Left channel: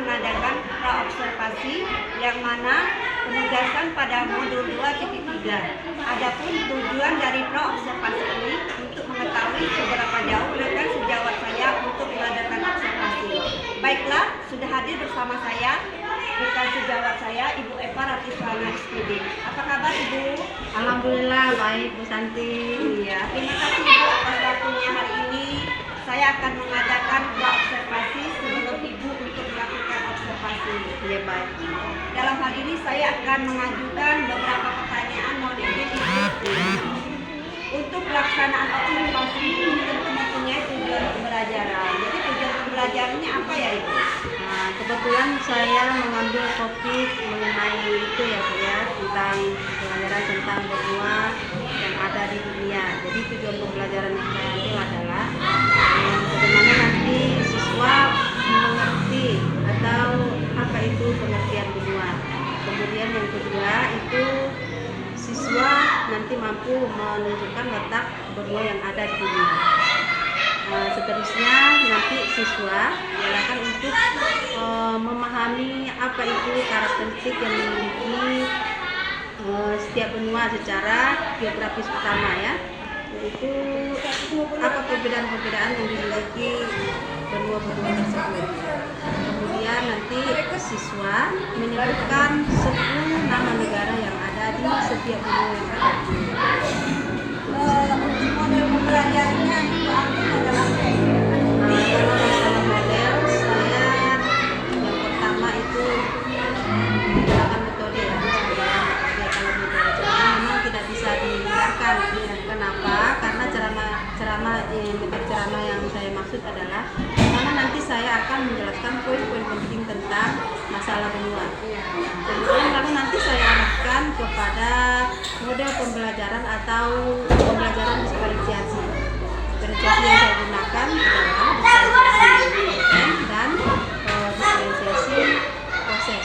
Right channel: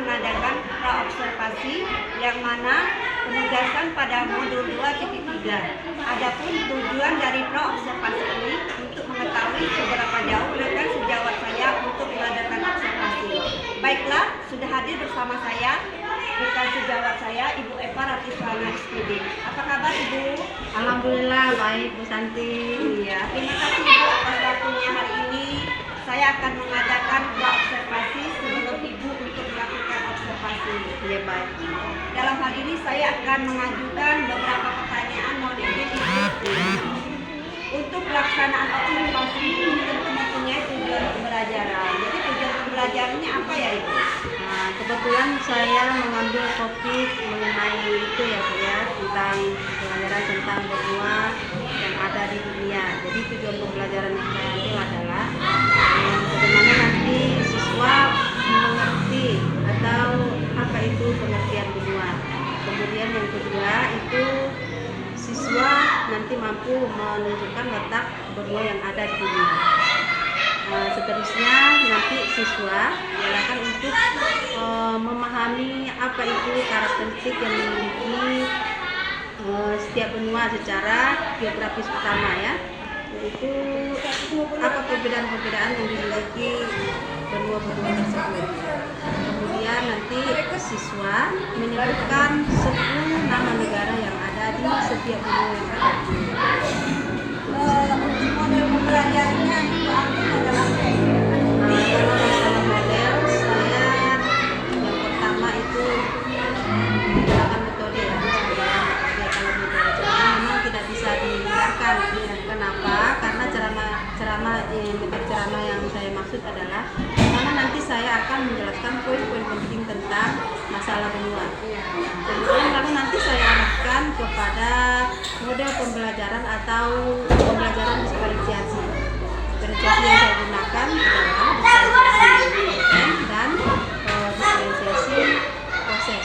mengadakan praobservasi yang mana penugasan pada modul 2.3. Adapun tujuan dari praobservasi ini untuk mengetahui seberapa jauh rekan sejawat saya untuk mengadakan observasi. Baiklah, sudah hadir bersama saya rekan sejawat saya Ibu Eva Ratiswana SPD. Apa kabar Ibu? Alhamdulillah baik Bu Santi. Iya, terima kasih Ibu atas waktunya hari ini. Saya akan mengadakan observasi sebelum Ibu untuk melakukan observasi. Iya baik. Dalam hal ini saya akan mengajukan beberapa pertanyaan, mohon izin Ibu. Untuk pelaksanaan observasi ini tentu mempunyai tujuan pembelajaran. Jadi tujuan pembelajarannya apa ya Ibu? Nah, kebetulan saya mengambil topik mengenai itu ya Bu ya, tentang pembelajaran tentang benua yang ada di dunia. Jadi tujuan pembelajaran yang saya ambil adalah bagaimana nanti siswa mengerti atau apa itu pengertian benua. Kemudian yang kedua itu siswa nanti mampu menunjukkan letak benua yang ada di dunia. Seterusnya nanti siswa diarahkan untuk memahami apa itu karakteristik yang dimiliki setiap benua secara geografis utama ya, yaitu apa perbedaan-perbedaan yang dimiliki benua-benua tersebut. Kemudian nanti siswa menyebutkan 10 nama negara yang ada di setiap benua yang ada di dunia. Model pembelajarannya Ibu ambil adalah Kalau masalah model, saya yang pertama itu menggunakan metode ya, kalau metode memang tidak bisa dihindarkan. Kenapa? Karena metode ceramah yang saya maksud adalah karena nanti saya akan menjelaskan poin-poin penting tentang masalah benua. Kemudian lalu nanti saya arahkan kepada model pembelajaran atau pembelajaran diferensiasi. Diferensiasi yang saya gunakan adalah diferensiasi konten dan diferensiasi proses.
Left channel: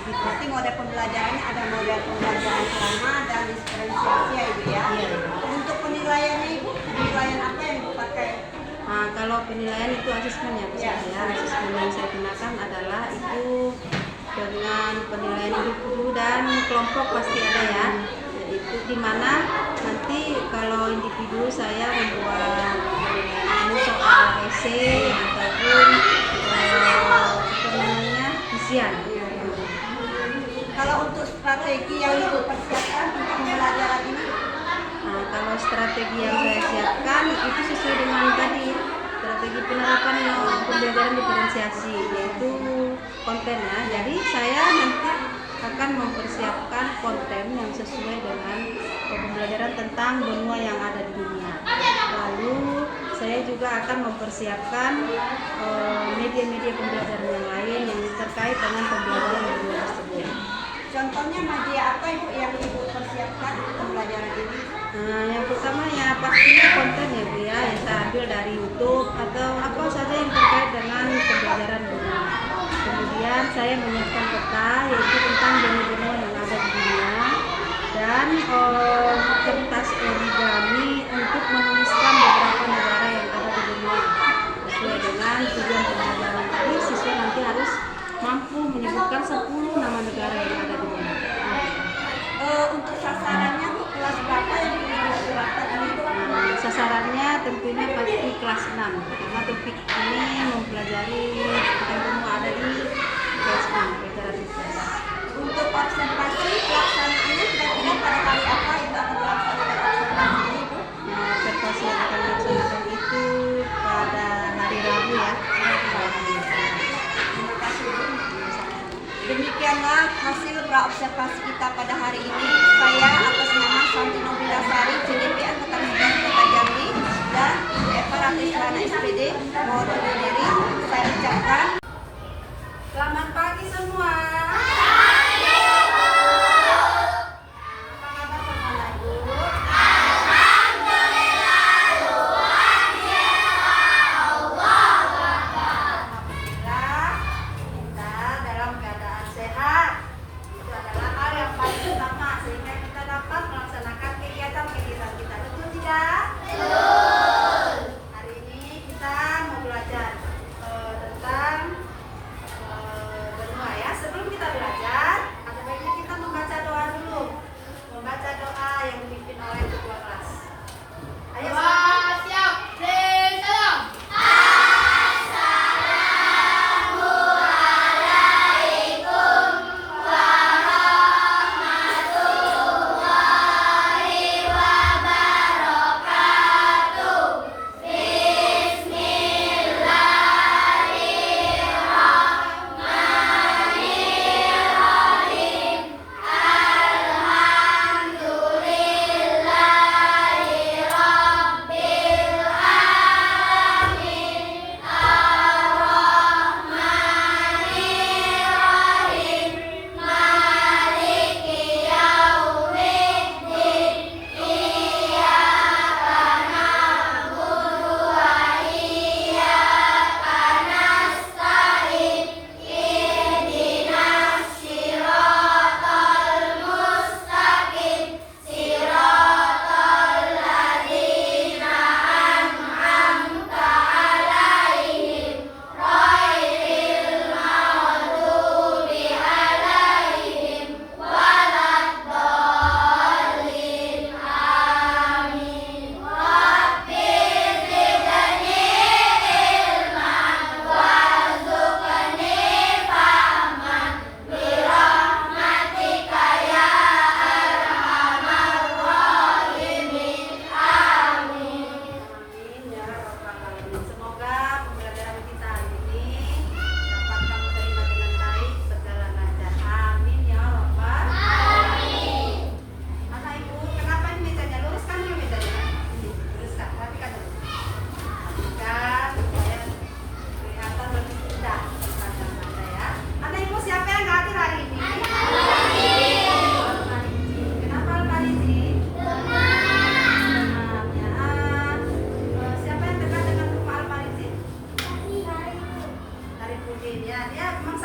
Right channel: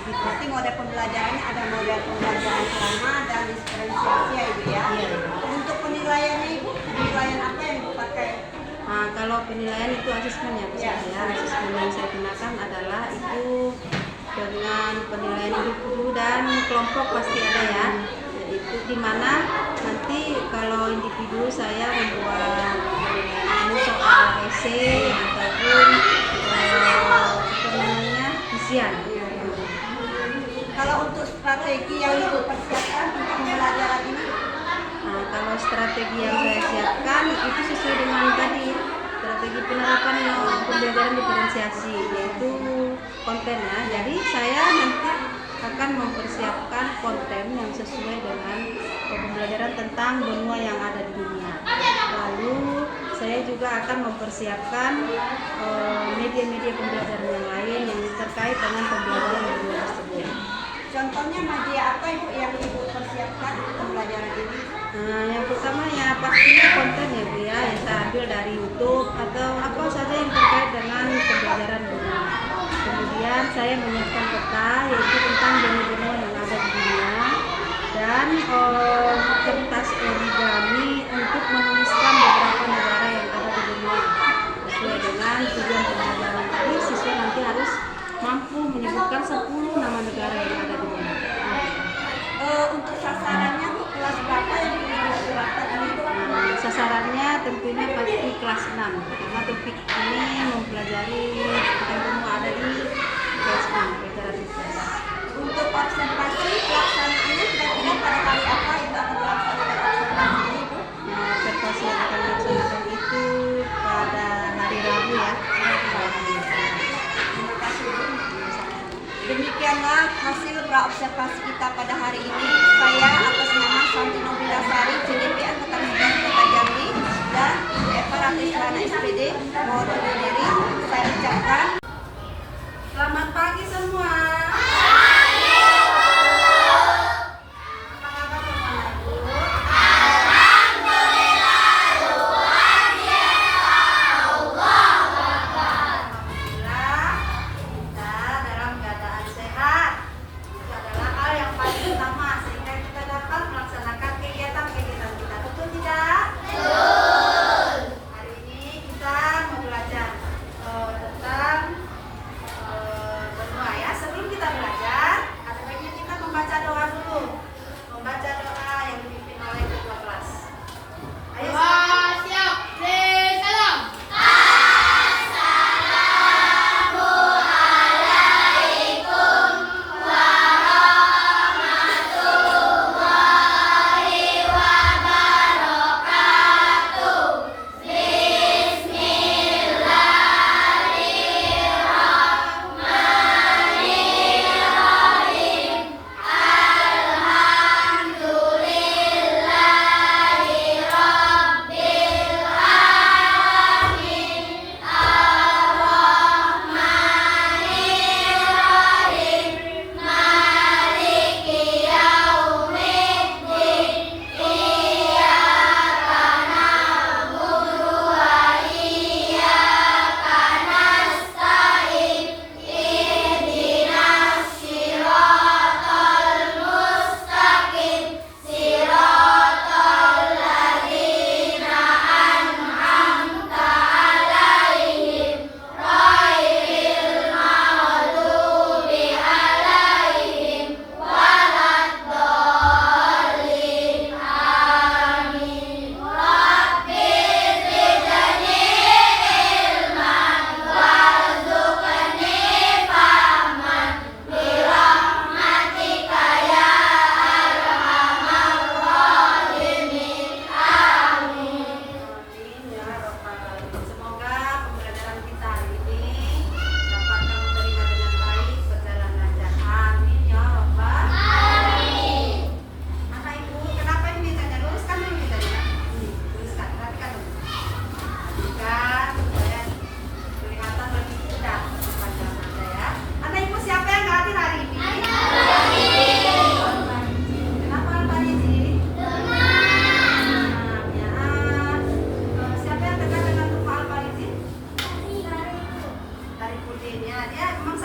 begitu. Berarti model pembelajarannya ada model pembelajaran ceramah dan diferensiasi ya Ibu ya. Iya. Untuk penilaiannya Ibu, penilaian apa yang Ibu pakai? Nah, kalau penilaian itu asesmen ya, Ya. asesmen yang saya gunakan adalah itu dengan penilaian individu dan kelompok pasti ada ya. Itu dimana nanti kalau individu saya membuat soal esai ataupun isian. Kalau untuk strategi yang Ibu persiapkan untuk pembelajaran ini, Nah, kalau strategi yang saya siapkan itu sesuai dengan tadi strategi penerapan pembelajaran diferensiasi, yaitu konten ya. Jadi saya nanti akan mempersiapkan konten yang sesuai dengan pembelajaran tentang benua yang ada di dunia. Lalu saya juga akan mempersiapkan media-media pembelajaran yang lain yang terkait dengan pembelajaran benua tersebut. contohnya media apa Ibu yang Ibu persiapkan untuk pembelajaran ini? Nah, yang pertama ya pastinya konten ya Bu ya, yang saya ambil dari YouTube atau apa saja yang terkait dengan pembelajaran benua. Kemudian saya menyiapkan peta yaitu tentang benua-benua yang ada di dunia dan kertas origami untuk menuliskan beberapa negara yang ada di dunia. Sesuai dengan tujuan pembelajaran tadi, siswa nanti harus mampu menyebutkan 10 nama negara yang ada di dunia. Untuk sasarannya Bu, kelas berapa yang dipersiapkan ini? Sasarannya tentunya pasti kelas 6 karena topik ini mempelajari tentang benua ada di kelas 6 pelajaran IPS. Untuk observasi pelaksanaannya kira-kira pada hari apa Ibu akan melaksanakan observasi ini Bu? Nah, observasi yang akan dilaksanakan itu pada hari Rabu ya. Terima kasih Bu. Demikianlah hasil praobservasi kita pada hari ini. Saya atas nama Santi Nobilasari, CDP Angkatan Udara Kota Jambi dan Eva Ratiswana SPD mohon undur diri. Saya ucapkan selamat pagi semua. Apa kabar teman-teman? Alhamdulillah kita dalam keadaan sehat. Itu adalah hal yang paling utama sehingga kita dapat melaksanakan kegiatan-kegiatan kita. Betul tidak? Betul. Hari ini kita mau belajar tentang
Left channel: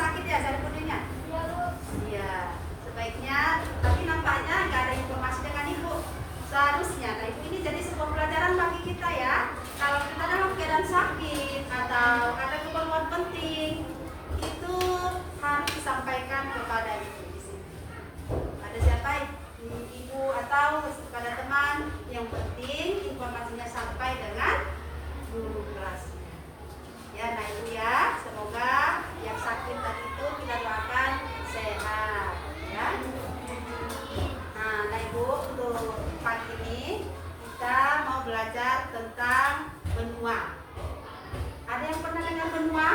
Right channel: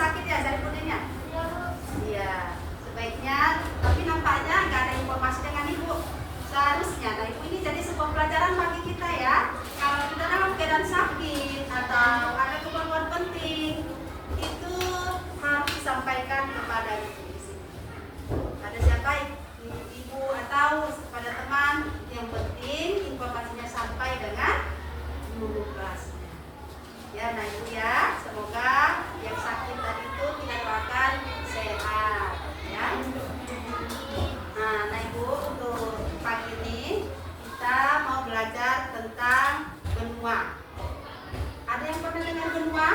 sakit ya Saripudinnya? Iya, sebaiknya, tapi nampaknya nggak ada informasi dengan Ibu. Seharusnya, nah Ibu ini jadi sebuah pelajaran bagi kita ya. Kalau kita dalam keadaan sakit atau ada keperluan penting, itu harus disampaikan kepada Ibu di sini. Ada siapa? Ibu atau kepada teman, yang penting informasinya sampai dengan guru kelasnya. Ya, nah Ibu ya, semoga yang sakit tadi itu kita doakan sehat ya. Nah Ibu, untuk pagi ini kita mau belajar tentang benua. Ada yang pernah dengar benua?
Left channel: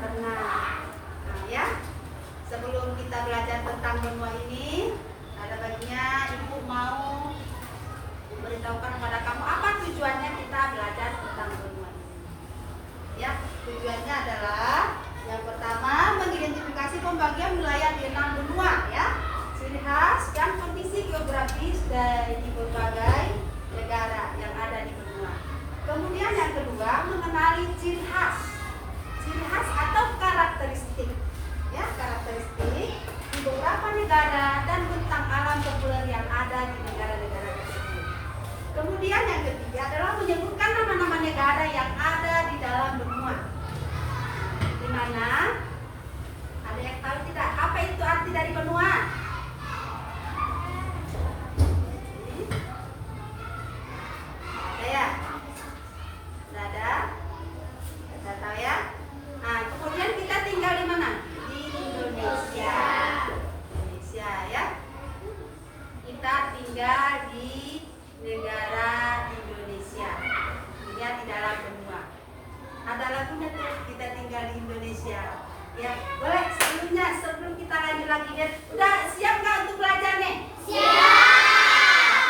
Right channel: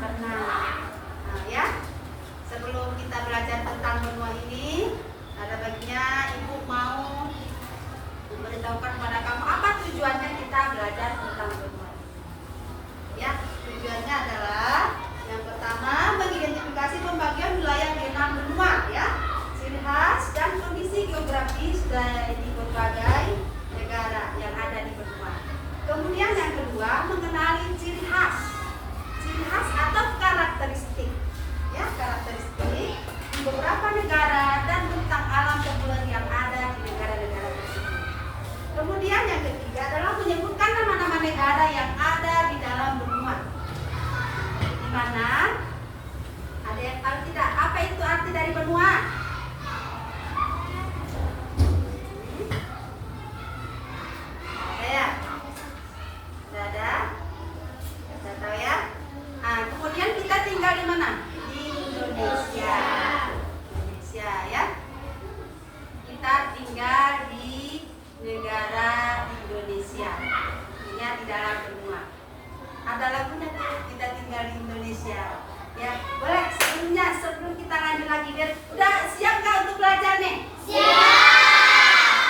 Pernah. Nah ya, sebelum kita belajar tentang benua ini, ada baiknya Ibu mau memberitahukan kepada kamu apa tujuannya kita belajar tentang benua ini. Ya, tujuannya adalah yang pertama mengidentifikasi pembagian wilayah di 6 benua ya, ciri khas dan kondisi geografis dari berbagai negara yang ada di benua. Kemudian yang kedua mengenali ciri khas atau karakteristik ya, karakteristik di beberapa negara dan bentang alam populer yang ada di negara-negara tersebut. Kemudian yang ketiga adalah menyebutkan nama-nama negara yang ada di dalam benua. Di mana? Ada yang tahu tidak? Apa itu arti dari benua? Ya, tidak ada? Tidak tahu ya? Nah, kemudian kita tinggal di mana? Di Indonesia. Indonesia ya. Kita tinggal di negara Indonesia. Ini di dalam benua. Ada lagunya tuh, kita tinggal di Indonesia. Ya, boleh sebelum kita lanjut lagi deh. Udah siap nggak untuk belajar nih? Siap.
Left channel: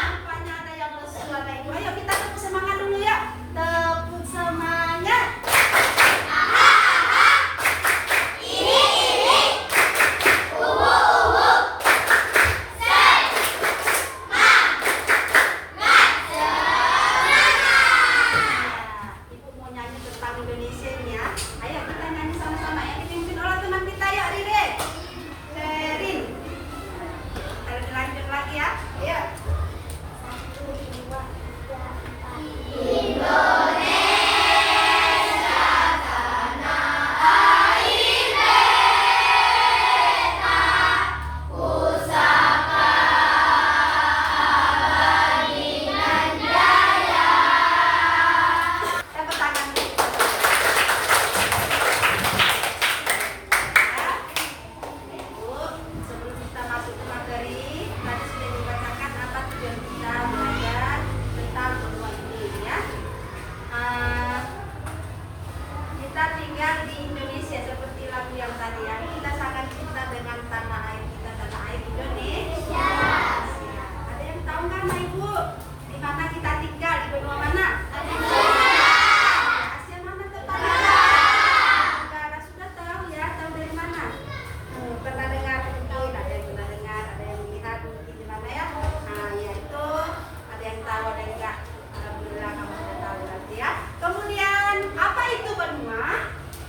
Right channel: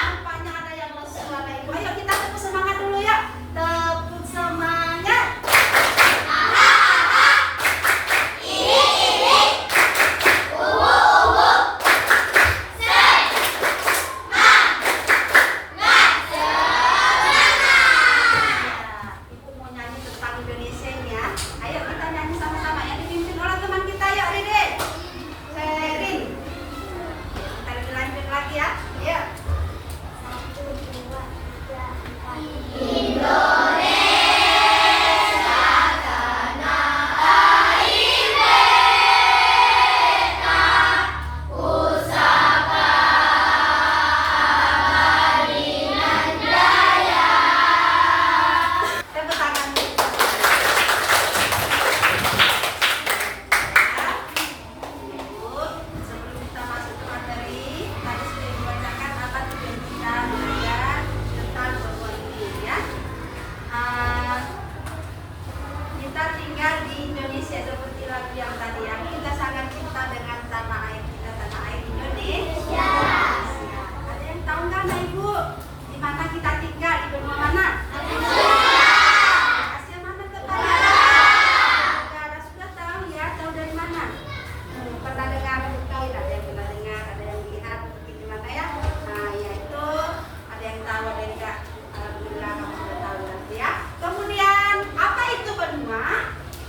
Nampaknya ada yang bersuara Ibu. Ayo kita tepuk semangat dulu ya. Tepuk semangat.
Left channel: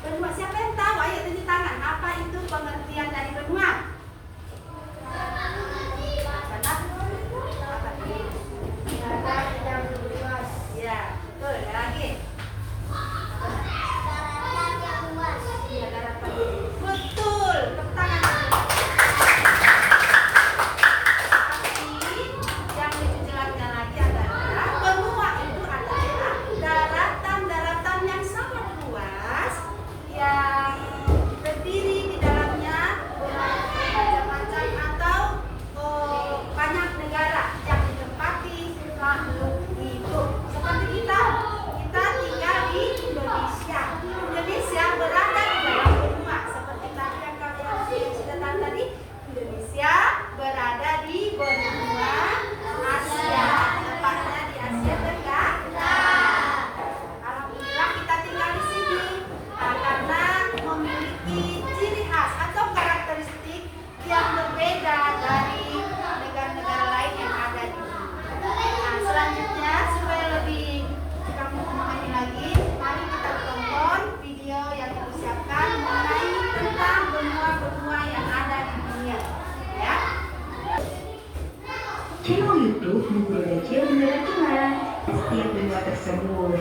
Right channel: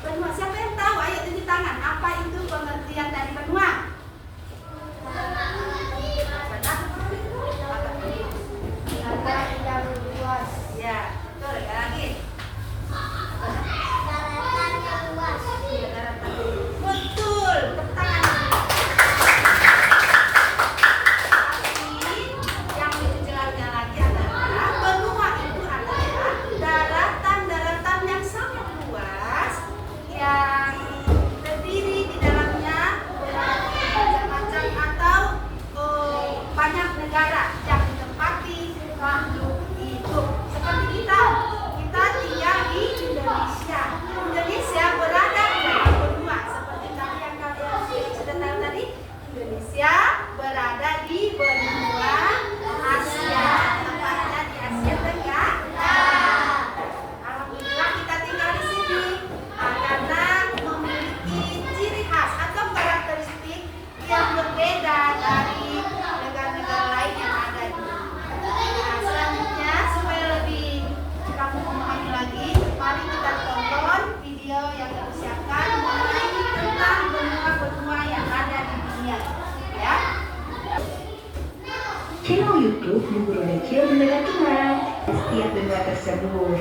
Benua, siapa yang tahu? Ayo tunjuk tangan. Apa YouTube Bu Guru Decil Bendera Tuhan setiap bendera tersebut.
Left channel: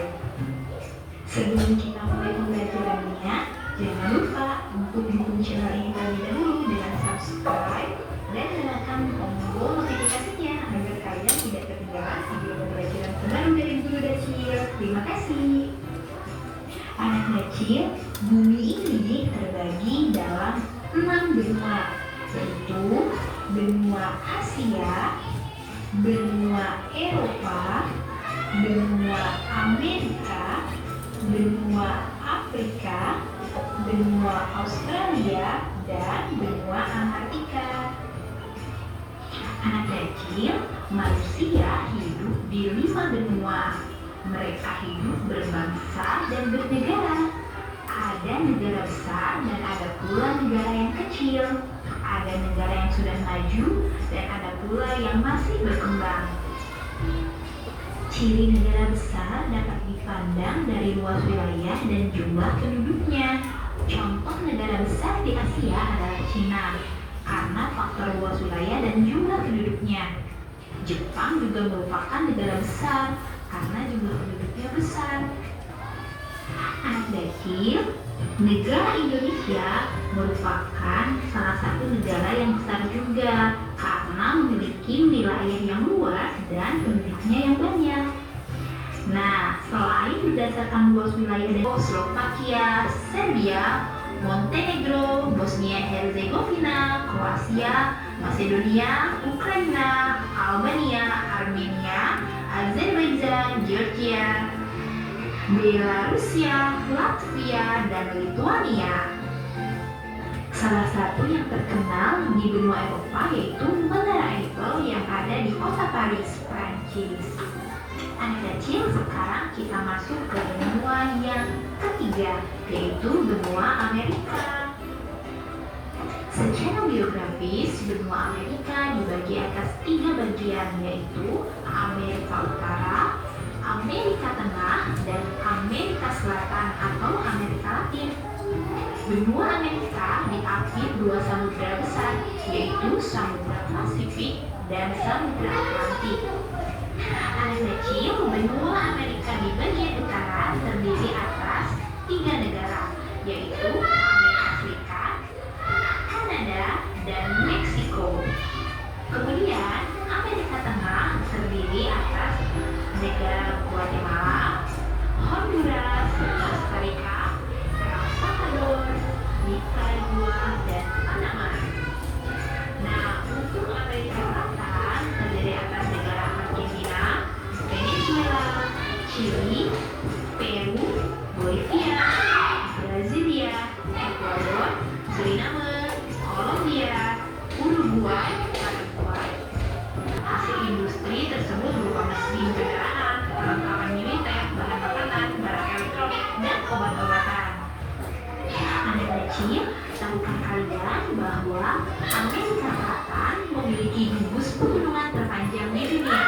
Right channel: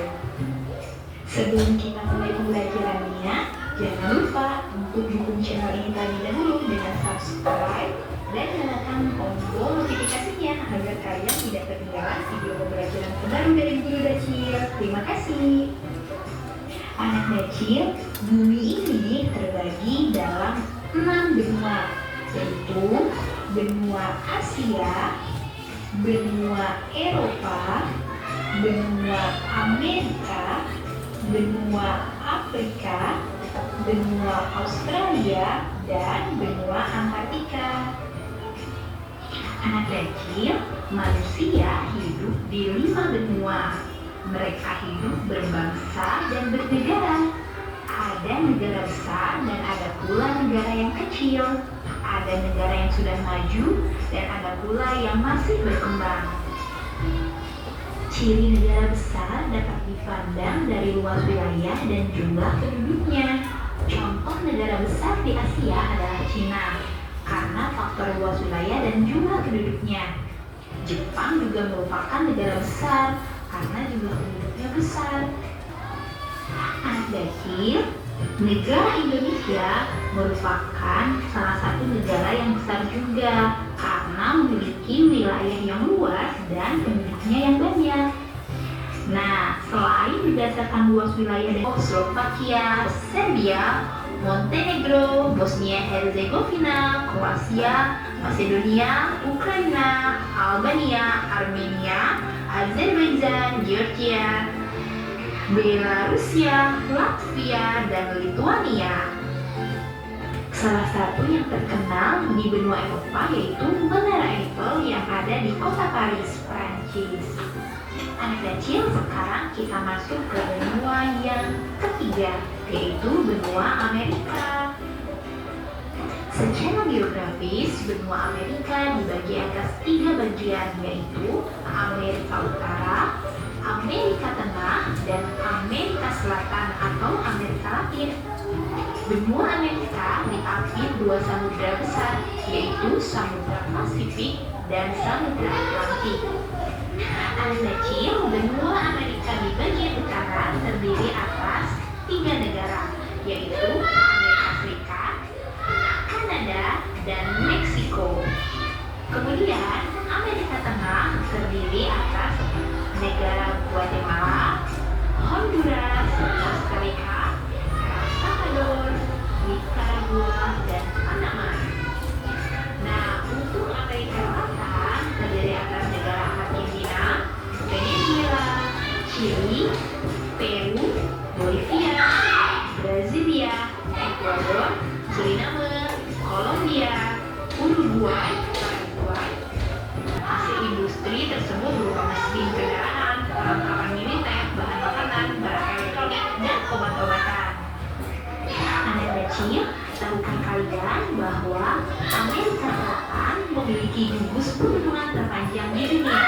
Sebelum kita mulai pembelajarannya, jangan lupa untuk dukung channel ini terlebih dahulu dengan subscribe dan nyalakan tombol notifikasinya agar kalian tidak ketinggalan video pembelajaran terbaru dari Guru Decil. Terima kasih. Anak kecil, bumi ini terbagi dalam 6 benua, yaitu benua Asia, benua Eropa, benua Amerika, benua Afrika, benua Australia, dan benua Antartika. Anak kecil, manusia hidup di 5 benua. Mereka hidup berbangsa dan bernegara. Ada negara besar dan ada pula negara yang kecil. Ada negara yang sudah maju dan ada pula yang masih berkembang. Ciri negara besar dapat dipandang dari luas wilayah dan jumlah penduduknya. Contoh negara besar di Asia adalah Cina, karena faktor luas wilayah dan jumlah penduduknya. Jepang juga merupakan negara besar, karena jumlah penduduknya besar. Anak kecil, negara Indonesia merupakan salah satu negara yang besar juga, karena memiliki wilayah yang luas dan penduduknya yang banyak. Nah, selain berdasarkan luas wilayah dari Slovakia, Serbia, Montenegro, Bosnia Herzegovina, Kroasia, Macedonia, Ukraina, Albania, Armenia, Azerbaijan, Georgia, Belarusia, Latvia, dan Lituania. Salah satu yang terkenal di benua Eropa yaitu Menara Eiffel yang ada di kota Paris, Prancis. Anak kecil, sekarang kita masuk ke benua yang ketiga, yaitu benua Amerika. Secara geografis, benua Amerika dibagi atas 3 bagian, yaitu Amerika Utara, Amerika Tengah, dan Amerika Selatan atau Amerika Latin. Benua Amerika diapit 2 samudra besar, yaitu Samudra Pasifik dan Samudra Atlantik. Anak kecil, benua Amerika di bagian utara terdiri atas 3 negara, yaitu Amerika Serikat, Kanada, dan Meksiko. Kemudian Amerika Tengah terdiri atas negara Guatemala, Honduras, Costa Rica, El Salvador, Nicaragua, dan Panama. Nah, untuk Amerika Selatan terdiri atas negara Argentina, Venezuela, Chili, Peru, Bolivia, Brasilia, Ekuador, Suriname, Kolombia, Uruguay, Paraguay. Hasil industri tersebut berupa mesin kendaraan, perlengkapan militer, bahan makanan, barang elektronik, dan obat-obatan. Anak kecil, tahukah kalian bahwa Amerika Selatan memiliki gugus pegunungan terpanjang di dunia,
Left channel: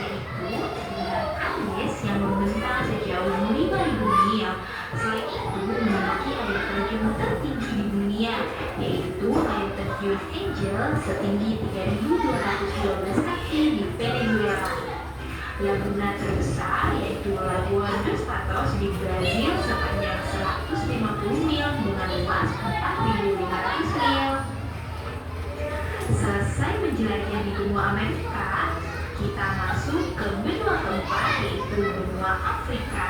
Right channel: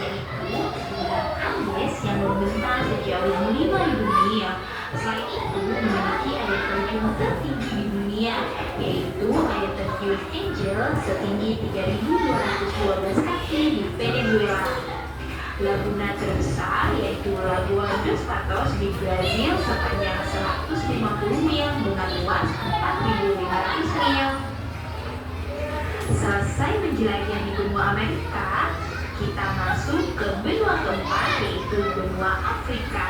yaitu Gunung Andes yang membentang sejauh 5.000 mil. Selain itu, memiliki air terjun tertinggi di dunia, yaitu air terjun Angel setinggi 3.212 kaki di Venezuela. Laguna terbesar yaitu Lagoa dos Patos di Brazil sepanjang 150 mil dengan luas 4.500 mil. Selesai menjelajah di benua Amerika, kita masuk ke benua keempat yaitu benua Afrika.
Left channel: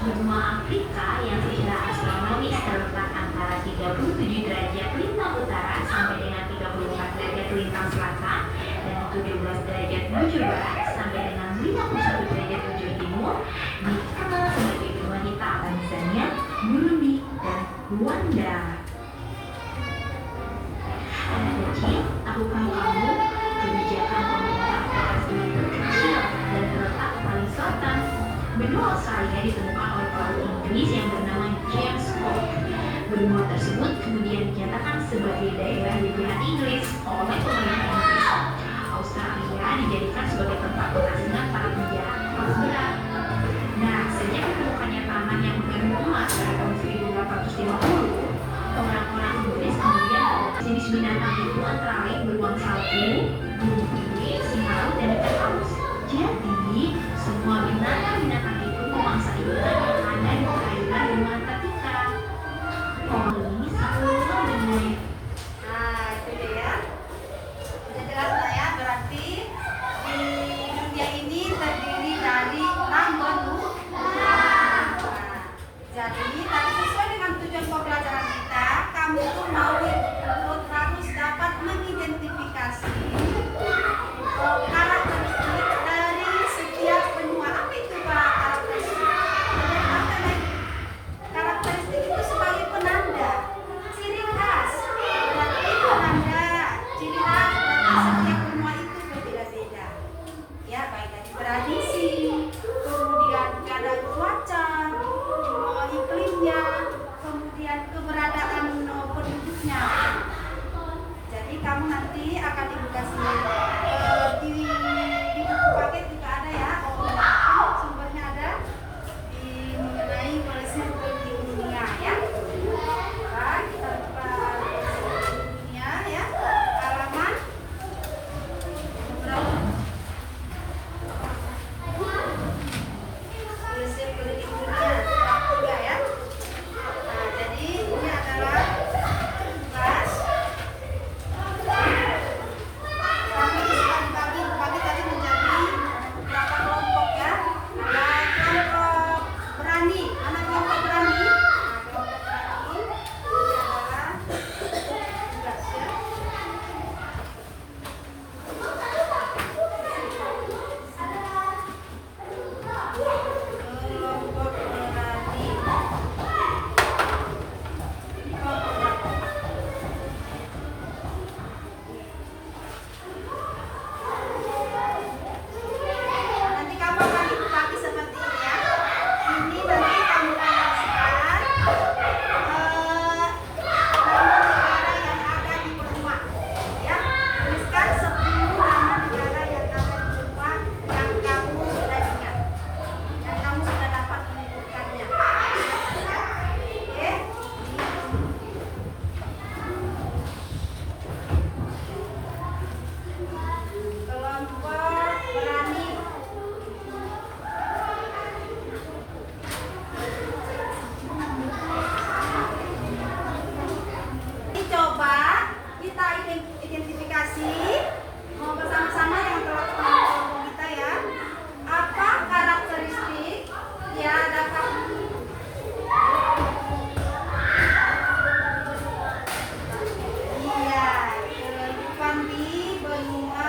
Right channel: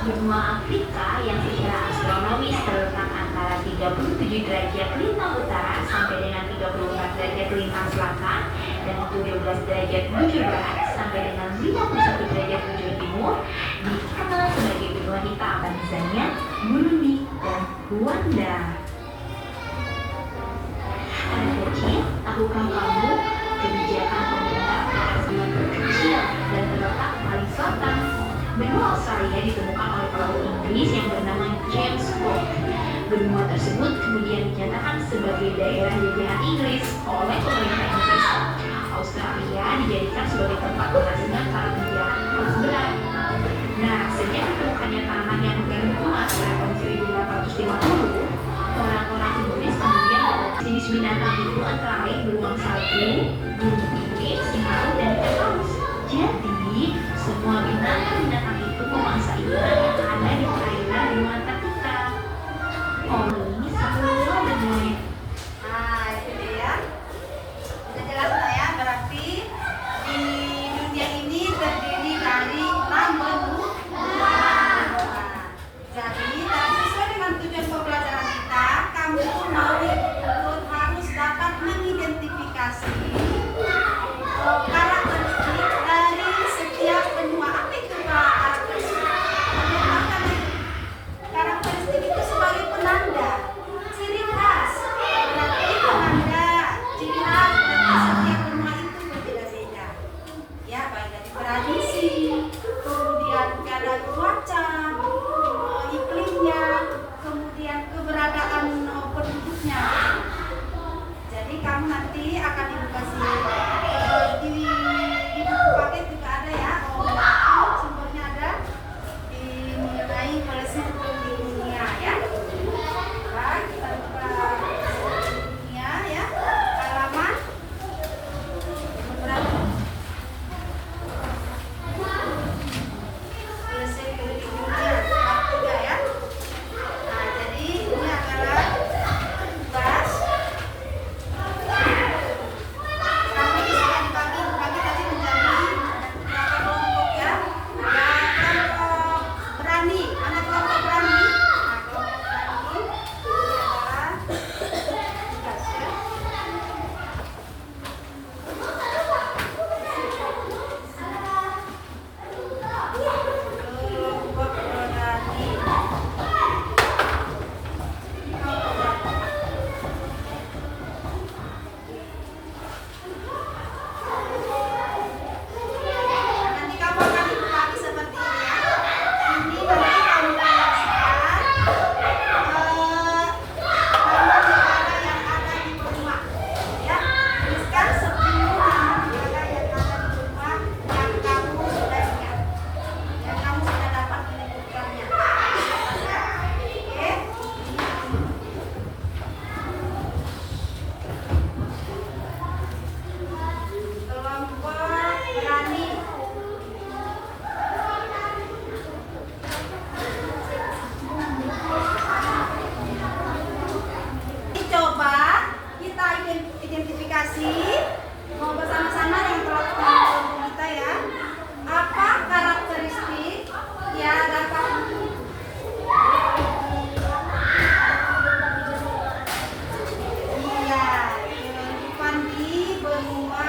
Benua Afrika yang secara astronomis terletak antara 37 derajat lintang utara sampai dengan 34 derajat lintang selatan dan 17 derajat bujur barat sampai dengan 51 derajat bujur timur, dikenal sebagai benua hitam Tanzania, Burundi, dan Rwanda. Anak kecil, tahukah kamu kebijakan pemerintah Australia terkecil dan terletak paling selatan? Benua Australia ditemukan oleh pelaut Inggris yang bernama James Cook. Benua tersebut kemudian dinyatakan sebagai daerah jajahan Inggris oleh pemerintah Inggris. Australia dijadikan sebagai tempat pengasingan para penjara kelas berat. Nah, sejak ditemukannya tanah yang mengandung emas pada tahun 1850, orang-orang Inggris kemudian beradaptasi di binatang itu antara lain beruang sagu, burung pipit, singa, dan ikan paus. Jadi, semua binatang-binatang itu memangsa ikan yang ada di perairan benua Antartika. Oli semua dan mulai. Nah, itu dia ya. Udah jelas lah ya, berarti di dunia ini terdiri dari 6 benua. Jadi, tadi sesuai dengan tujuan pembelajaran kita, kamu tuh harus dapat mengidentifikasi karakteristik dari setiap benua. Apa itu karakteristik? Karakteristik itu sebagai penanda, ciri khas. Berarti penanda, ciri khas dari setiap benua itu berbeda-beda. Ya, baik dari tradisi, kemudian kadar cuaca, iklimnya, kemudian keberadaan penduduknya. Jadi kamu nanti akan edukasi di buku paket juga ada ya, sumbernya ada di mengenai prinsip politik dunia ya. Baik, kita buka dunia ya, halaman berapa? Prinsip politik dunia bab 3 ya. Nah, jadi ini adalah tugas. Kami sudah dibagi tadi menjadi beberapa kelompok ya. Ada kelompok berani, anak kelompok berani. Nah, kelompok berani ini adalah tugas ya. Kelompok berani. Nanti kamu akan dibagi seperti ini ya. Ini nanti kamu tuliskan nama negara yang ada di benua. Ya, tuliskan 10 nama negara yang ada di benua yang kamu sudah ingat, yang kamu sudah dapat menyebutkannya. Ya, oke. Kelompok berani. Ini coba kita identifikasi mau bersama-sama yang telah kelompok kita ya. Apa karakteristik yang dapat kehidupan di benua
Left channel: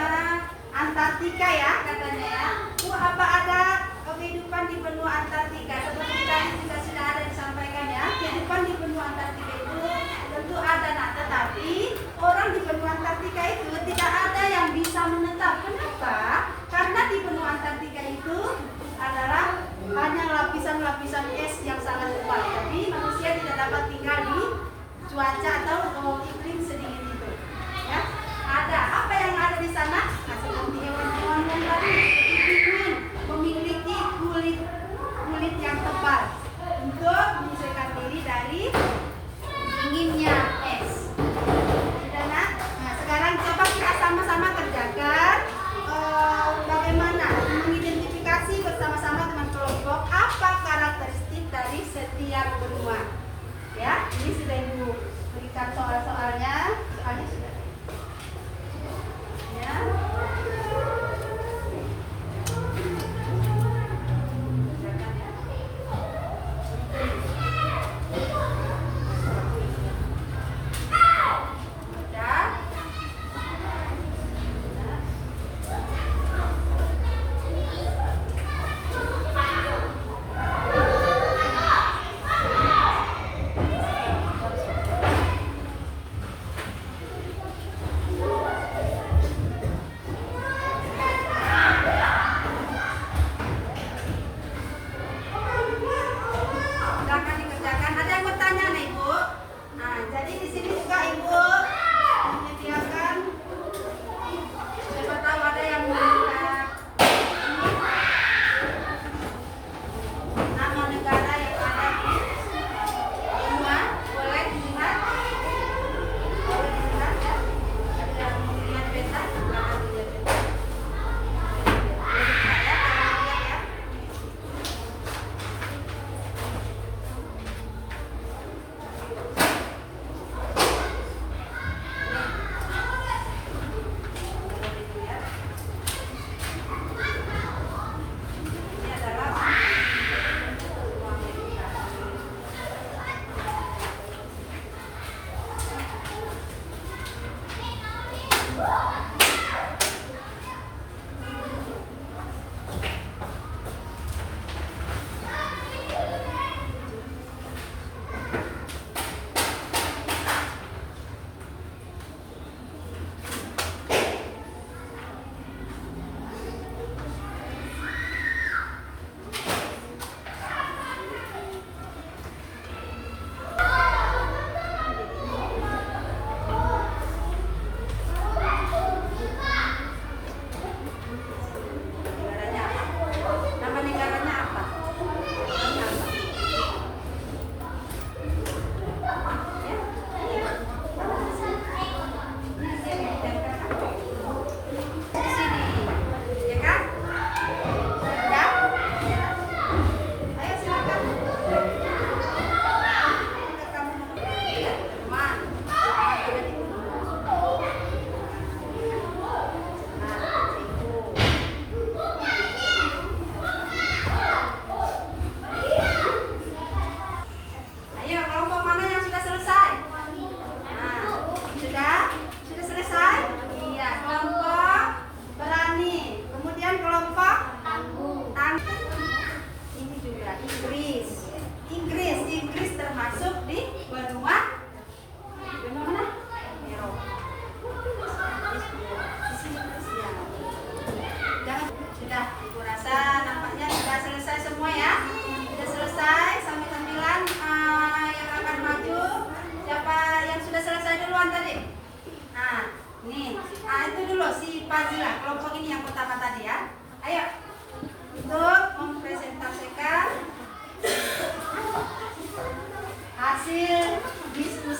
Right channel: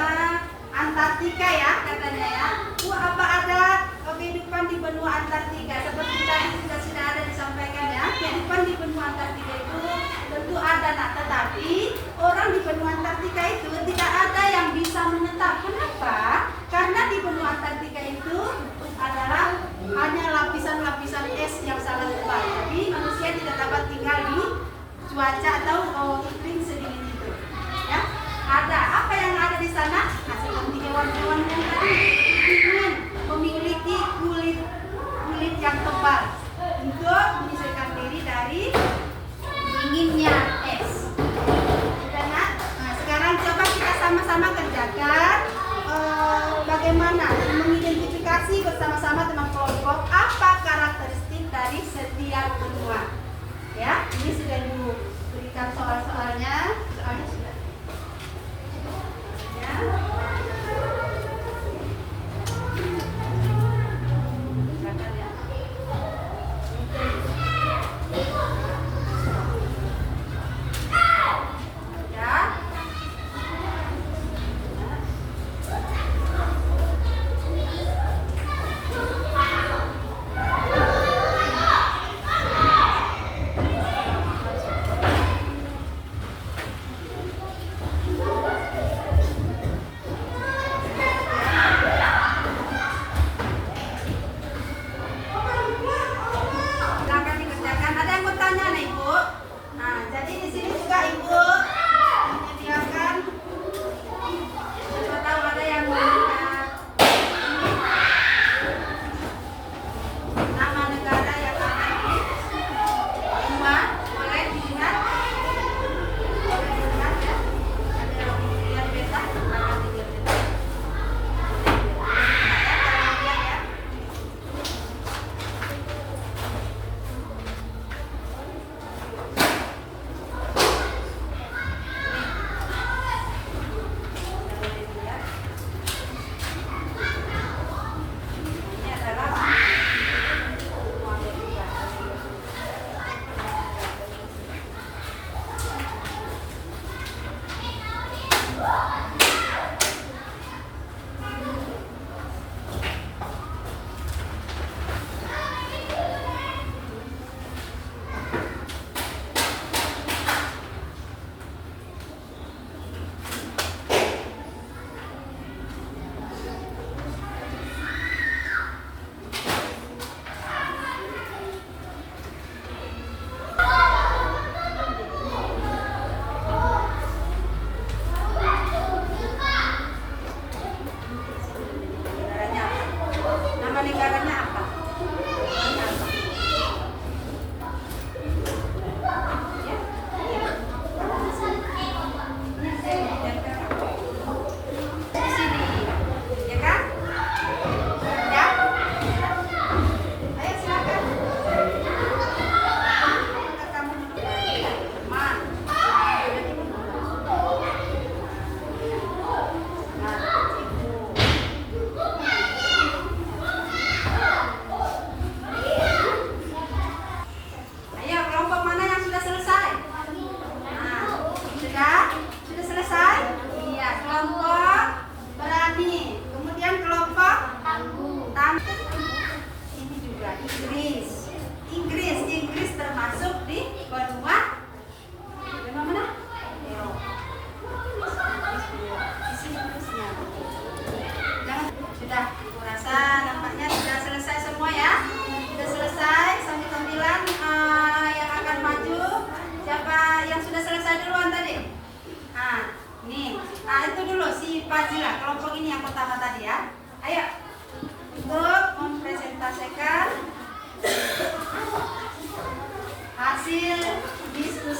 Antartika ya katanya ya. Apa ada kehidupan di benua Antartika? Seperti tadi sudah ada disampaikan ya. Kehidupan di benua Antartika itu tentu ada, nah, tetapi orang di benua Antartika itu tidak ada yang bisa menetap. Kenapa? Karena di benua Antartika itu adalah hanya lapisan-lapisan es yang sangat tebal. Jadi manusia tidak dapat tinggal di cuaca atau iklim sedingin itu. Ya, ada apa yang ada di sana? Nah, seperti hewan-hewan yang tadi pigmen, memiliki kulit yang tebal untuk menyesuaikan diri dari dinginnya es. Sudah nak? Nah, sekarang coba kita sama-sama kerjakan bagaimana mengidentifikasi bersama-sama dengan kelompok apa karakteristik dari setiap benua. Ya, ini sudah diberikan soal-soalnya sudah. Ya. Silakan ya. Sudah.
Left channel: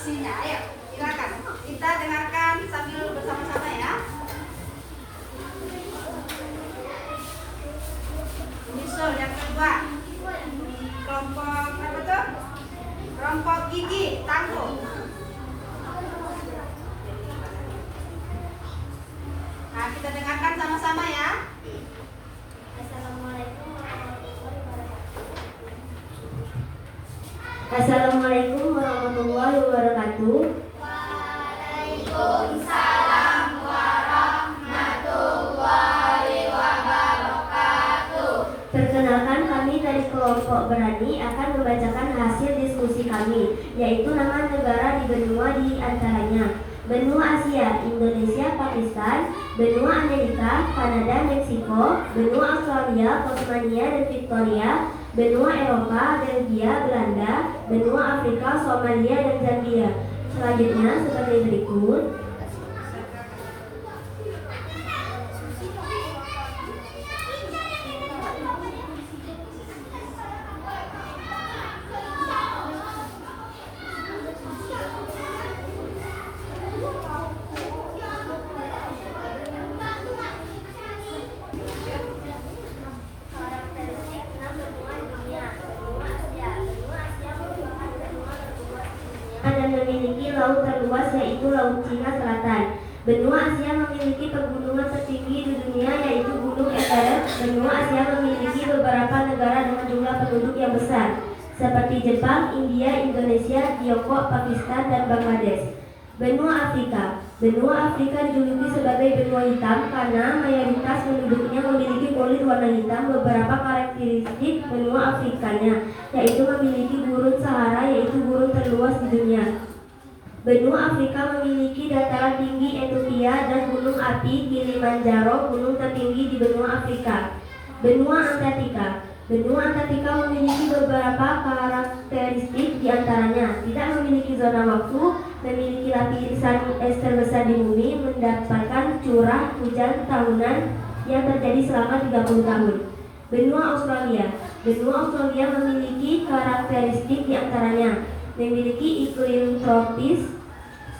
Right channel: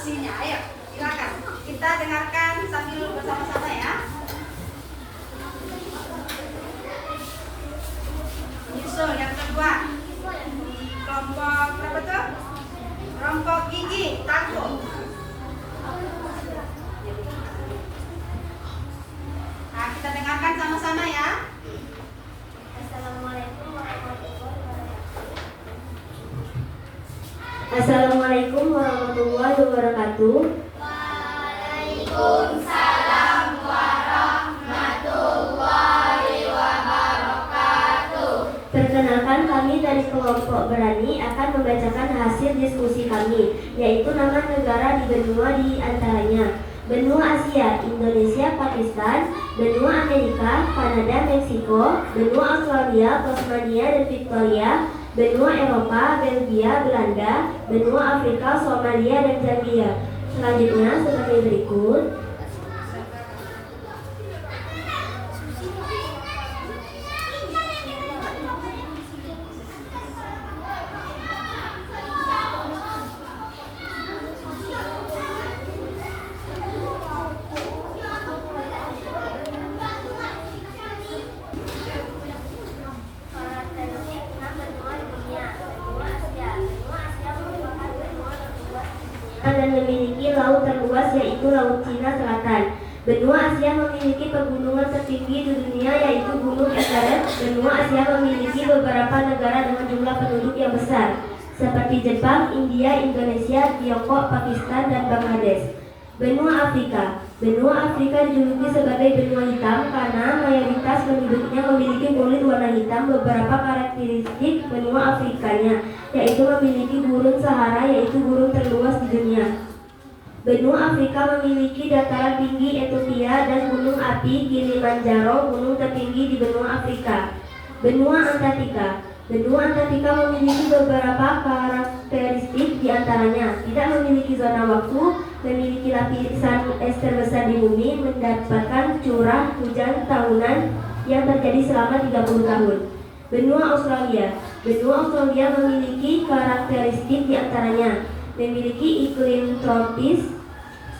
diskusinya. Ayo, silakan. Kita dengarkan sambil bersama-sama ya. Menyusul yang kedua. Kelompok apa tuh? Kelompok gigi, tangguh. Nah, kita dengarkan sama-sama ya. Assalamualaikum warahmatullahi wabarakatuh. Perkenalkan, kami dari kelompok Berani akan membacakan hasil diskusi kami, yaitu nama negara di benua di antaranya benua Asia, Indonesia, Pakistan, benua Amerika, Kanada, Meksiko, benua Australia, Tasmania dan Victoria, benua Eropa, Belgia, Belanda, benua Afrika, Somalia dan Zambia. Selanjutnya sebagai berikut. Dan memiliki laut terluas yaitu Laut Cina Selatan. Benua Asia memiliki pegunungan tertinggi di dunia yaitu Gunung Everest. Benua Asia memiliki beberapa negara dengan jumlah penduduk yang besar seperti Jepang, India, Indonesia, Tiongkok, Pakistan, dan Bangladesh. Benua Afrika. Benua Afrika dijuluki sebagai benua hitam karena mayoritas penduduknya memiliki kulit warna hitam. Beberapa karakteristik benua Afrikanya yaitu memiliki gurun Sahara yaitu gurun terluas di dunia. Benua Afrika memiliki dataran tinggi Ethiopia dan gunung api Kilimanjaro, gunung tertinggi di benua Afrika. Benua Antartika. Benua Antartika memiliki beberapa karakteristik, diantaranya tidak memiliki zona waktu, memiliki lapisan es terbesar di bumi, mendapatkan curah hujan tahunan yang terjadi selama 30 tahun. Benua Australia. Benua Australia memiliki karakteristik, diantaranya memiliki iklim tropis,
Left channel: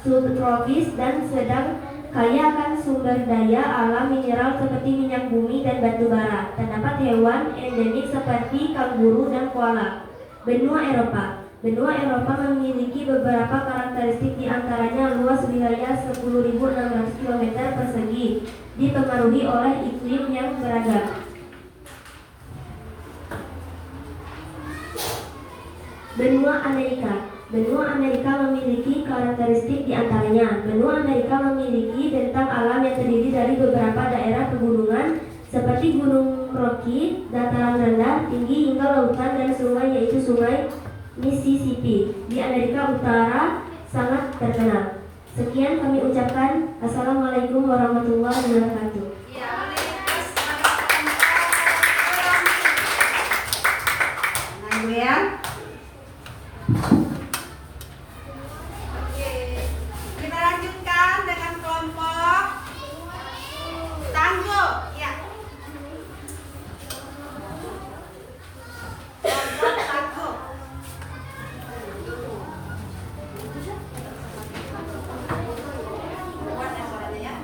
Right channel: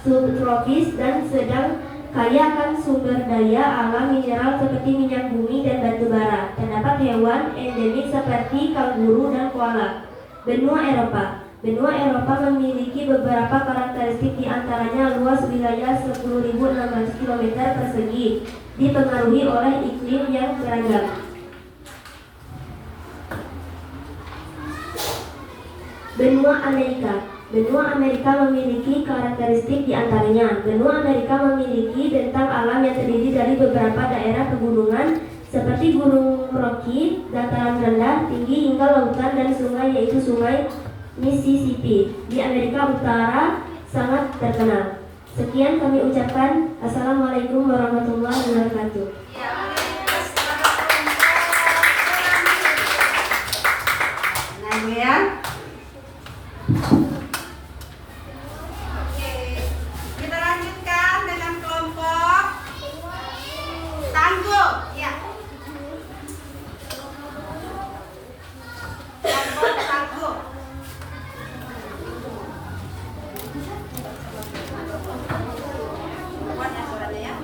subtropis, dan sedang, kaya akan sumber daya alam mineral seperti minyak bumi dan batu bara. Terdapat hewan endemik seperti kanguru dan koala. Benua Eropa. Benua Eropa memiliki beberapa karakteristik, diantaranya luas wilayah 10.600 km persegi, dipengaruhi oleh iklim yang beragam. Benua Amerika. Benua Amerika memiliki karakteristik, diantaranya benua Amerika memiliki bentang alam yang terdiri dari beberapa daerah pegunungan seperti Gunung Rocky, dataran rendah, tinggi hingga lautan, dan sungai yaitu Sungai Mississippi di Amerika Utara sangat terkenal. Sekian kami ucapkan. Assalamualaikum warahmatullahi wabarakatuh. Nah, Kita lanjutkan dengan kelompok tangguh. Ya. Kelompok tangguh. Kuat ya suaranya ya.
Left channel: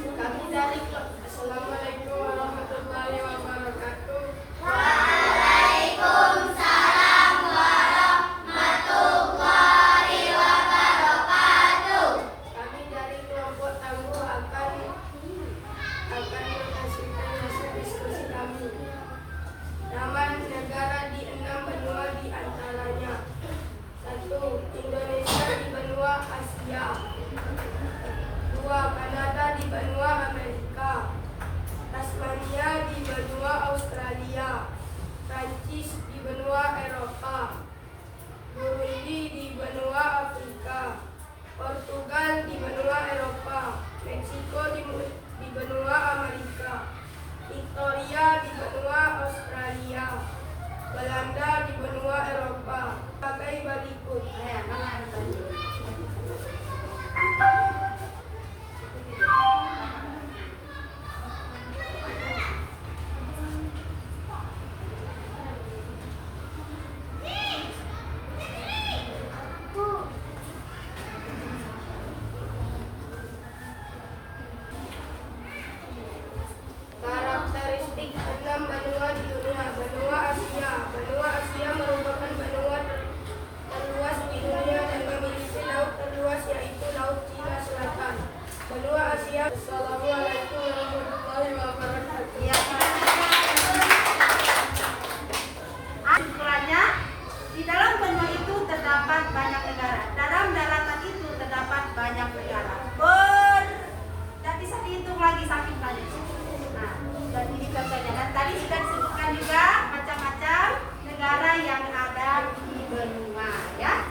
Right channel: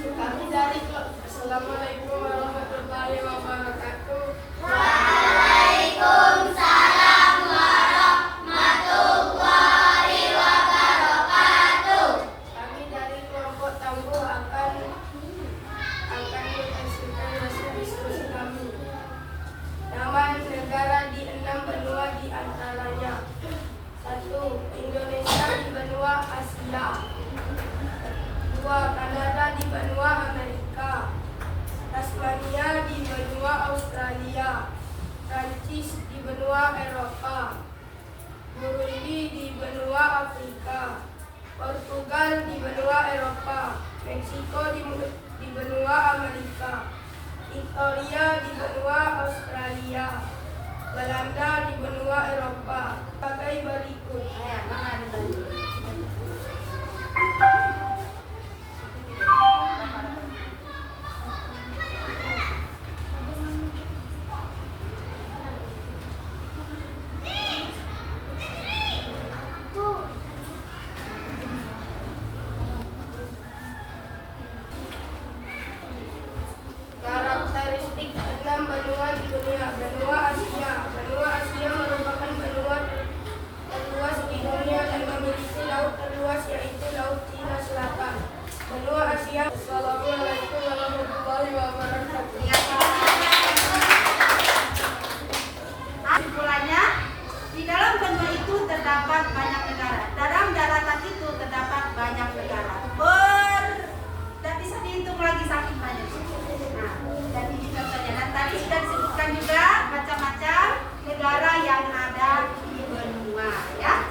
Kami dari Assalamualaikum warahmatullahi wabarakatuh. Kami dari kelompok tangguh akan menyaksikan hasil diskusi kami. Nama negara di 6 benua di antaranya 1. Indonesia di benua Asia, 2. Kanada di benua Amerika, Tasmania di benua Australia, Prancis di benua Eropa, Burundi di benua Afrika, Portugal di benua Eropa, Meksiko di benua Amerika, Victoria di benua Australia, Belanda di benua Eropa. Sebagai berikut. benua Asia. Assalamualaikum warahmatullahi wabarakatuh. Ya. Kesimpulannya, di dalam benua itu terdapat banyak negara. Dalam daratan itu terdapat banyak negara. Tidak bisa dihitung lagi saking banyak. Nah, jadi itu contohnya. Dan tadi sudah disebutkan juga macam-macam negara yang ada di benua, ya.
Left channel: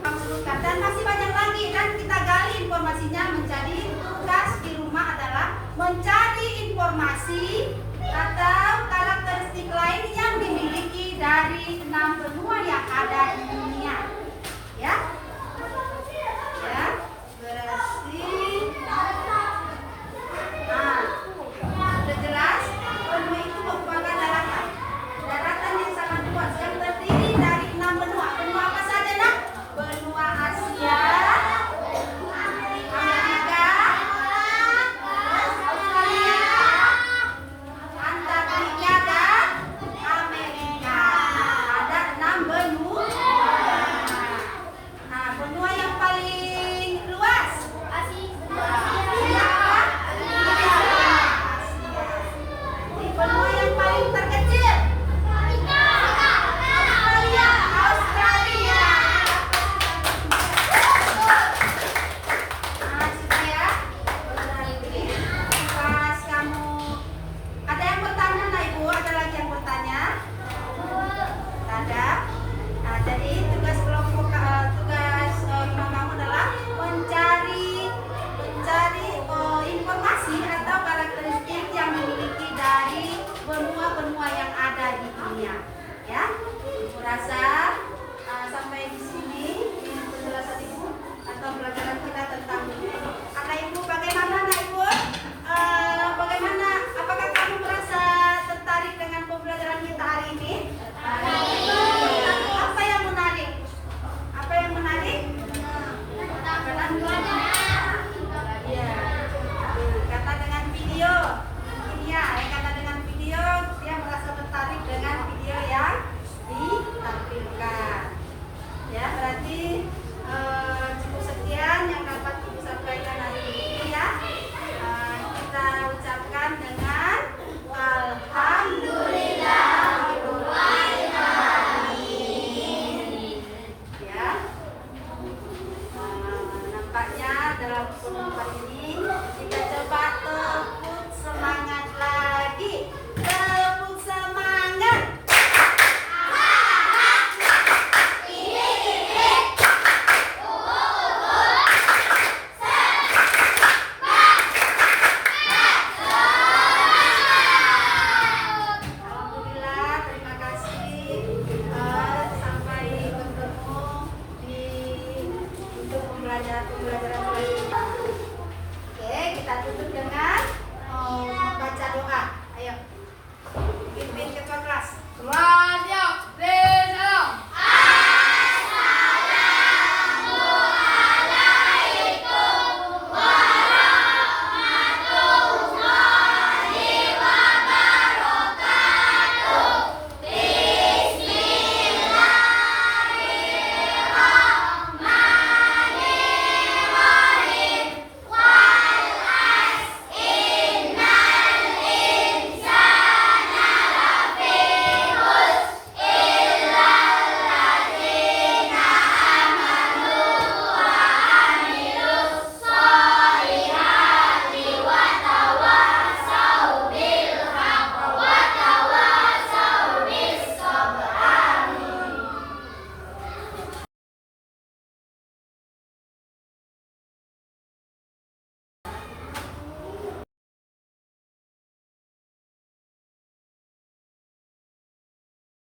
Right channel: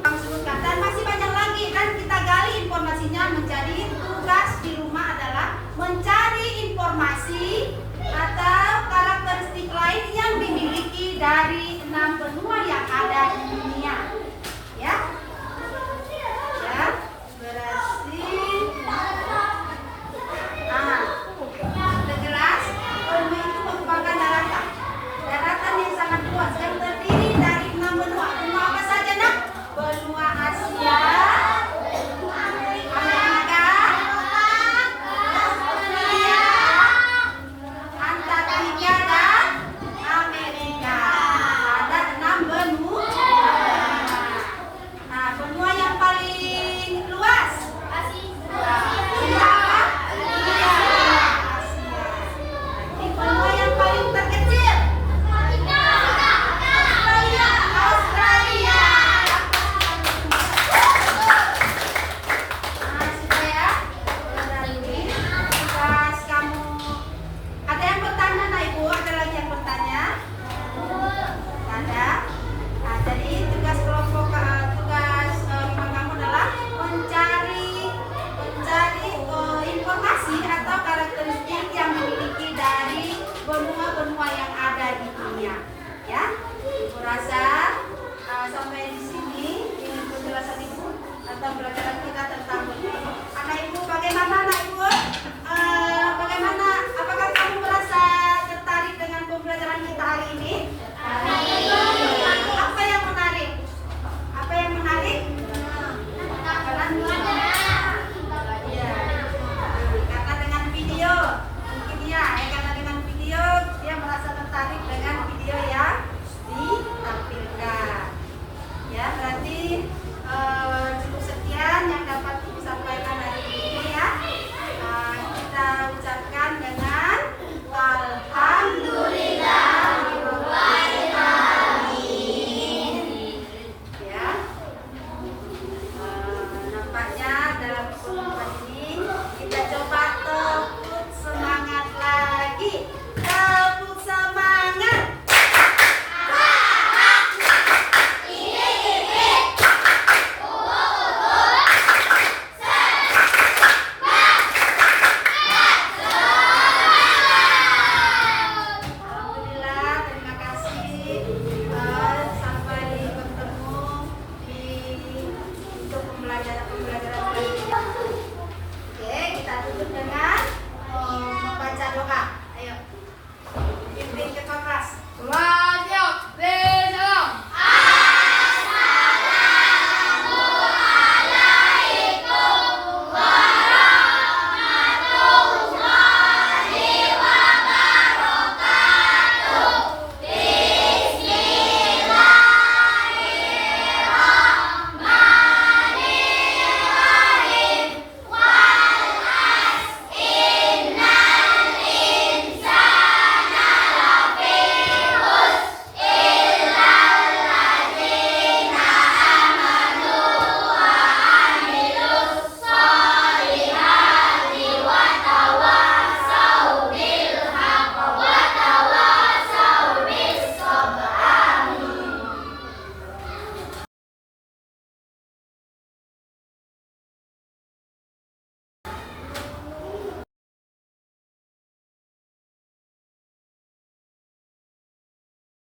Kami sebutkan dan masih banyak lagi dan kita gali informasinya. Menjadi tugas di rumah adalah mencari informasi atau karakteristik lain yang dimiliki dari 6 benua yang ada di dunia, ya. Ya, berarti sudah jelas benua itu merupakan daratan yang sangat luas yang terdiri dari 6 benua. Benua apa saja, Nak? Benua Asia, Amerika, Australia, Antartika dan Amerika. Ada 6 benua. Nah, benua yang paling luas Asia. Di benua yang paling terkecil Australia. Nah, supaya berarti tugas kamu. Ada yang bertanya, Nak Ibu? Ada lagi yang bertanya? Ada. Nah, jadi tugas kelompok tugas rumah kamu adalah mencari informasi atau karakteristik yang dimiliki dari benua-benua yang ada di dunia. Ya, Ibu rasa sampai di sini ini penjelasan Ibu atau pelajaran kita tentang benua. Anak Ibu, bagaimana Anak Ibu? Bagaimana? Apakah kamu merasa tertarik dengan pembelajaran kita hari ini? Apa yang menarik? Apa yang menarik? Ya, karena dengan video mungkin ya, karena dengan video dia merasa tertarik dengan video yang ditampilkan. Ya, berarti cukup sekian yang dapat Ibu sampaikan hari ini, ya. Kita ucapkan dengan alhamdulillah. Ya, nampaknya dalam pertemuan ini